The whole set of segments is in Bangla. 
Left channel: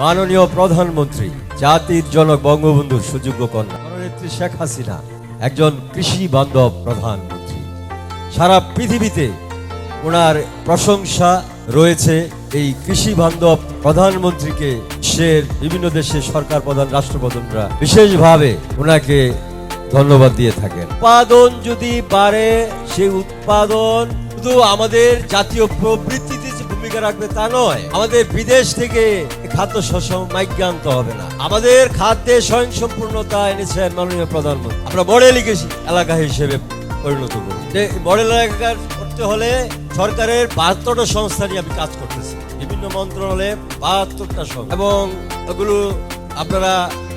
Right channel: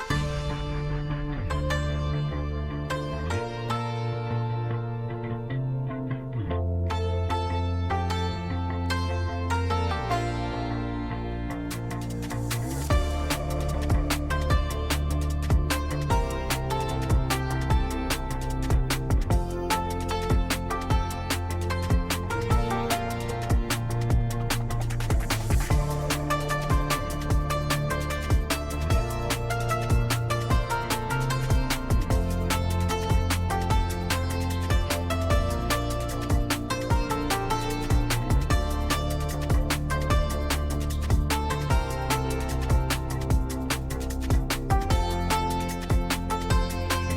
মাননীয় প্রধানমন্ত্রী, জাতির জনক বঙ্গবন্ধুর সুযোগ্য কন্যা শেখ হাসিনা, একজন কৃষি বান্ধব প্রধানমন্ত্রী। সারা পৃথিবীতে ওনার প্রশংসা রয়েছে এই কৃষি বান্ধব প্রধানমন্ত্রীকে, বিশ্বের বিভিন্ন দেশের সরকার প্রধান রাষ্ট্রপ্রধানরা বিশেষভাবে ওনাকে ধন্যবাদ দিয়ে থাকেন। উৎপাদন যদি বাড়ে সেই উৎপাদন শুধু আমাদের জাতীয় প্রবৃত্তিতে ভূমিকা রাখবে তা নয়, আমাদের বিদেশ থেকে খাদ্য শস্য মাইকে আনতে হবে না। আমাদের খাদ্যে স্বয়ংসম্পূর্ণতা এনেছেন মাননীয় প্রধানমন্ত্রী। আমরা মডেল গেছি এলাকা হিসেবে পরিণত করি যে মডেল এলাকা করতে হলে সরকারের বাহাত্তরটা সংস্থা নিয়ে আমি কাজ করতেছি। বিভিন্ন মন্ত্রণালয়ে বাহাত্তরটা সংস্থা। এবং ওগুলো আপনারা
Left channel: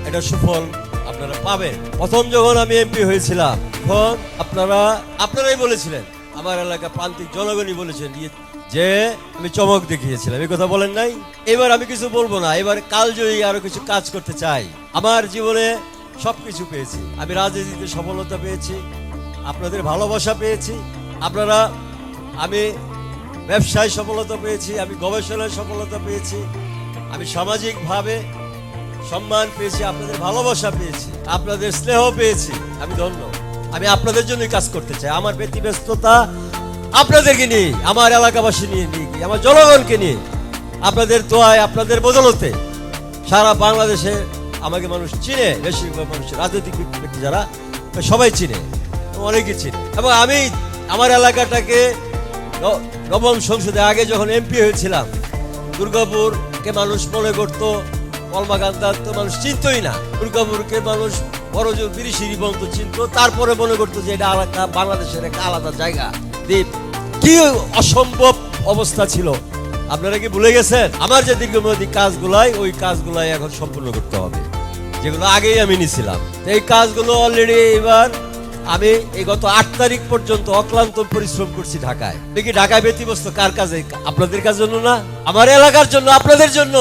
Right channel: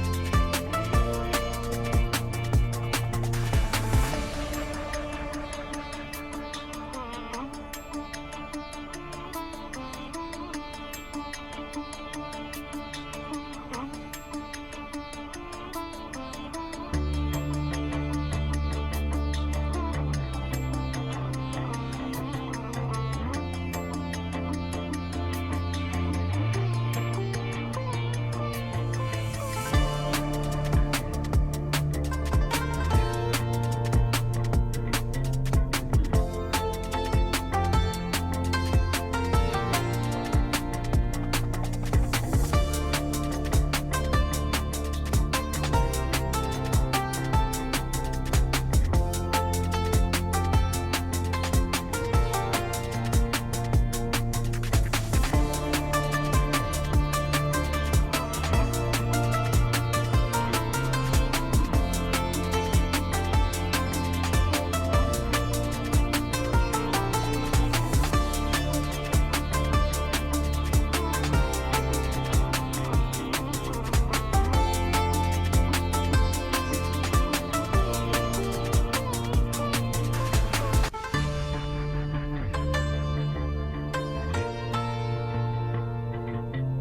এটা সুফল আপনারা পাবেন। প্রথম যখন আমি এমপি হয়েছিলাম, তখন আপনারা, আপনারাই বলেছিলেন আমার এলাকা প্রান্তিক জনগণই বলেছেন যে- আমি চমক দেখিয়েছিলাম এই কথা বলেন নাই? এবার আমি কিছু বলব না, এবার কালজয়ী আরও কিছু কাজ করতে চাই। আমার জীবনে সবকিছু পেয়েছি। আমি রাজনীতিতে সফলতা পেয়েছি, আপনাদের ভালোবাসা পেয়েছি, আপনারা, আমি ব্যবসায় সফলতা পেয়েছি, আমি গবেষণায় সফলতা পেয়েছি, আমি সামাজিকভাবে সম্মান পেয়েছি, আপনাদের ভালোবাসা পেয়েছি, আপনাদের স্নেহ পেয়েছি। আমি ধন্য। আমি আপনাদের জন্য কাজ করতে চাই। আমার ব্যতিব্যস্ততা আপনাদেরকে নিয়ে, আমার এলাকাবাসী নিয়ে, আমার জনগণকে নিয়ে, আপনাদের দোয়ায়, আপনাদের বদলতে সারা বাংলাদেশে আমাকে মানুষ চিনে, বেশিরভাগ মানুষ রাজনৈতিক ব্যক্তি যারা, সবাই চিনে, অনেকে চিনে। এবং আমি আমার এলাকাটাকে নবম সংসদে আগে যখন এমপি হয়েছিলাম, দুর্গাপুরকে মানুষ মনে করতো কলমাকান্দার তো মানুষ চিনতই না। দুর্গাপুরকে মানুষ বড় জোর তিরিশ বন্ধ চিনত তারপরে মনে করতো যে এটা আলাদা, বাংলাদেশের একটা আলাদা জায়গা। দ্বীপ কি অসম্ভব অবস্থা ছিল। আপনারা কি ভুলে গেছেন? আমার যে দিগ্গমতি কাজগুলাই, ওই কাজগুলাই এখন সম্পূর্ণ করতে হবে। যেগুলো আগেই আমি নিছিলাম এই কাজগুলো অলরেডি এবার আমি এই গত আট তারিখ পর্যন্ত অক্লান্ত পরিশ্রম করছি ঢাকায়। দেখি ঢাকায় ব্যতিব্যস্ত? কার কাজে? আপনাদের কাজ জন্য না? আমার এলাকার জন্য, আপনাদের জন্য।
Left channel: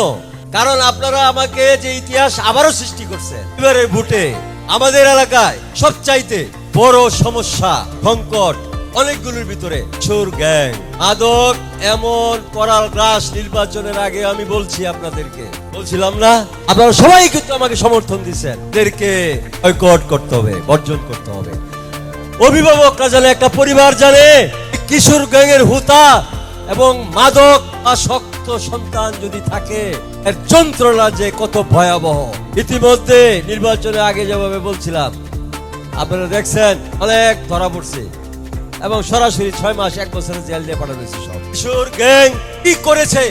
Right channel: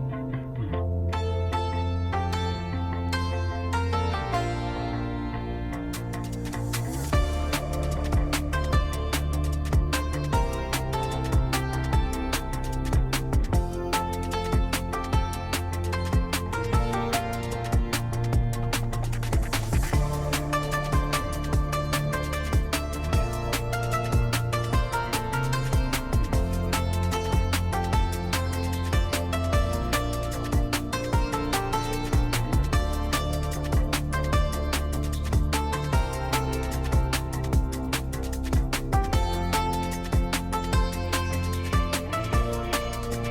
কারণ আপনারা আমাকে যে ইতিহাস আবারও সৃষ্টি করছে, এবারের ভোটে আমাদের এলাকায় সবচাইতে বড় সমস্যা, সংকট অনেকগুলোর ভিতরে চোর গ্যাং। আদক এমন করাল গ্রাস নির্বাচনের আগে আমি বলছি আপনাদেরকে। বলছিলাম না? আপনারা সবাই কিন্তু আমাকে সমর্থন দিচ্ছেন। এদেরকে বয়কট করতে হবে, বর্জন করতে হবে। অভিভাবকরা জানে, একটা পরিবার জানে, কিশোর গ্যাংয়ের হুতা এবং মাদক আসক্ত সন্তান যদি থাকে এর যন্ত্রণা যে কত ভয়াবহ। ইতিমধ্যে নির্বাচনের আগে যেভাবে বলছিলাম, আপনারা দেখছেন, অনেক ধরা পড়ছে। এবং সরাসরি ছয় মাস, এক বছরের জেল দিয়ে পাঠানো হয়েছে কিশোর গ্যাং কি করেছে?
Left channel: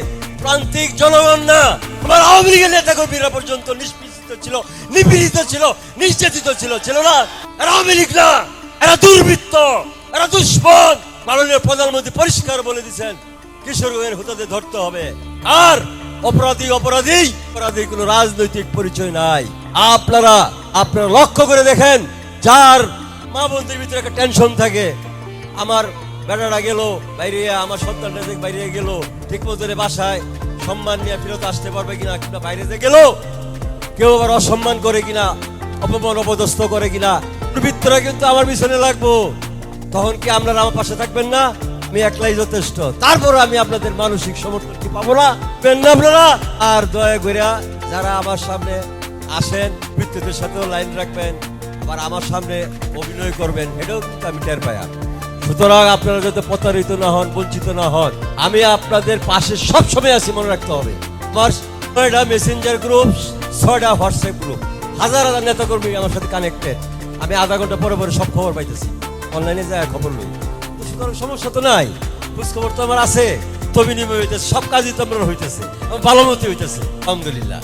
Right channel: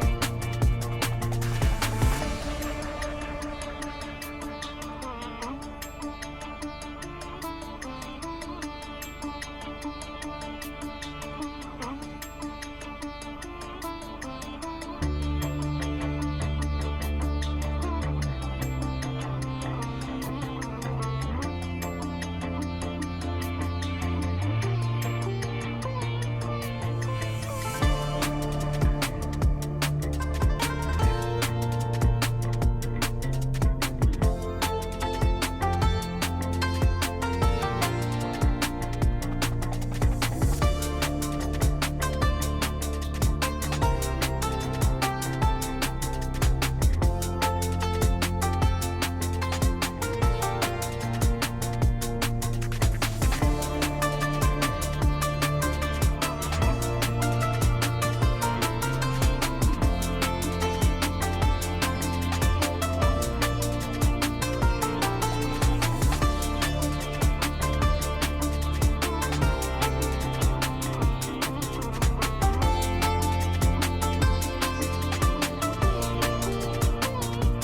প্রান্তিক জনগণ না? আমার আওয়ামী লীগের নেতা পর্যন্ত নিষ্পেষিত ছিল, নিপীড়িত ছিল নির্যাতিত ছিল ছিল না? এরা আওয়ামী লীগ না? এরা দুর্বৃত্ত, এরা দুশ্মন। মাননীয় প্রধানমন্ত্রী পরিষ্কার বলে দিয়েছেন কিশোরের হুতাতে ধরতে হবে। আর অপরাধী অপরাধী। অপরাধী কোনো রাজনৈতিক পরিচয় নাই। আপনারা আপনারা লক্ষ্য করে দেখেন, যার মা বোনদের ভিতরে একটা টেনশন থাকে। আমার বেটারা গেল, বাইরে আমার সন্তানটা বাইরে গেল, ঠিক মতো বাসায় সম্মান নিয়ে ফেরত আসতে পারবে কিনা, কিংবা বাইরে যে গেল, কেউ আবার অসম্মান করে কিনা, অপমান অপদস্থ করে কিনা দুর্বৃত্তরা কিন্তু আমার পিছনে লাগবো। তখন কি আপনারা আমার পাশে থাকবেন না? আমি একলাই যথেষ্ট। তারপর আমি আপনাদের মানসিক সমর্থন পাবো না। পেন আপনারা? আর দয়া করে যারা আমার সামনে আসেন মৃত্যুদের সাথেও লাইন রাখবেন আর আমার সামনে অভিনয় করবেন, এটাও কিন্তু আমি টের পাই সুতরাং আপনারা যাতে প্রতারিত না হন, বঞ্চিত না হন, আমি আপনাদের পাশে সব সময় আছি, মনে রাখতে হবে। আমার ছয়টা মেসেঞ্জার গ্রুপ ছয়টা হোয়াটসঅ্যাপ গ্রুপ হাজার হাজার নেতাকর্মী আমার সাথে কানেক্টেড আমি আধা ঘণ্টা পরে পরে সব খবর পাইতেছি। অনলাইনে যায় খবর নেই। সমস্যা তো নাই। খোঁজ খবর তো আমার আছে। তো বিনিময় সব কাজই তো আমার হইতেছে। ভালো মতো হইতেছে। আলহামদুলিল্লাহ।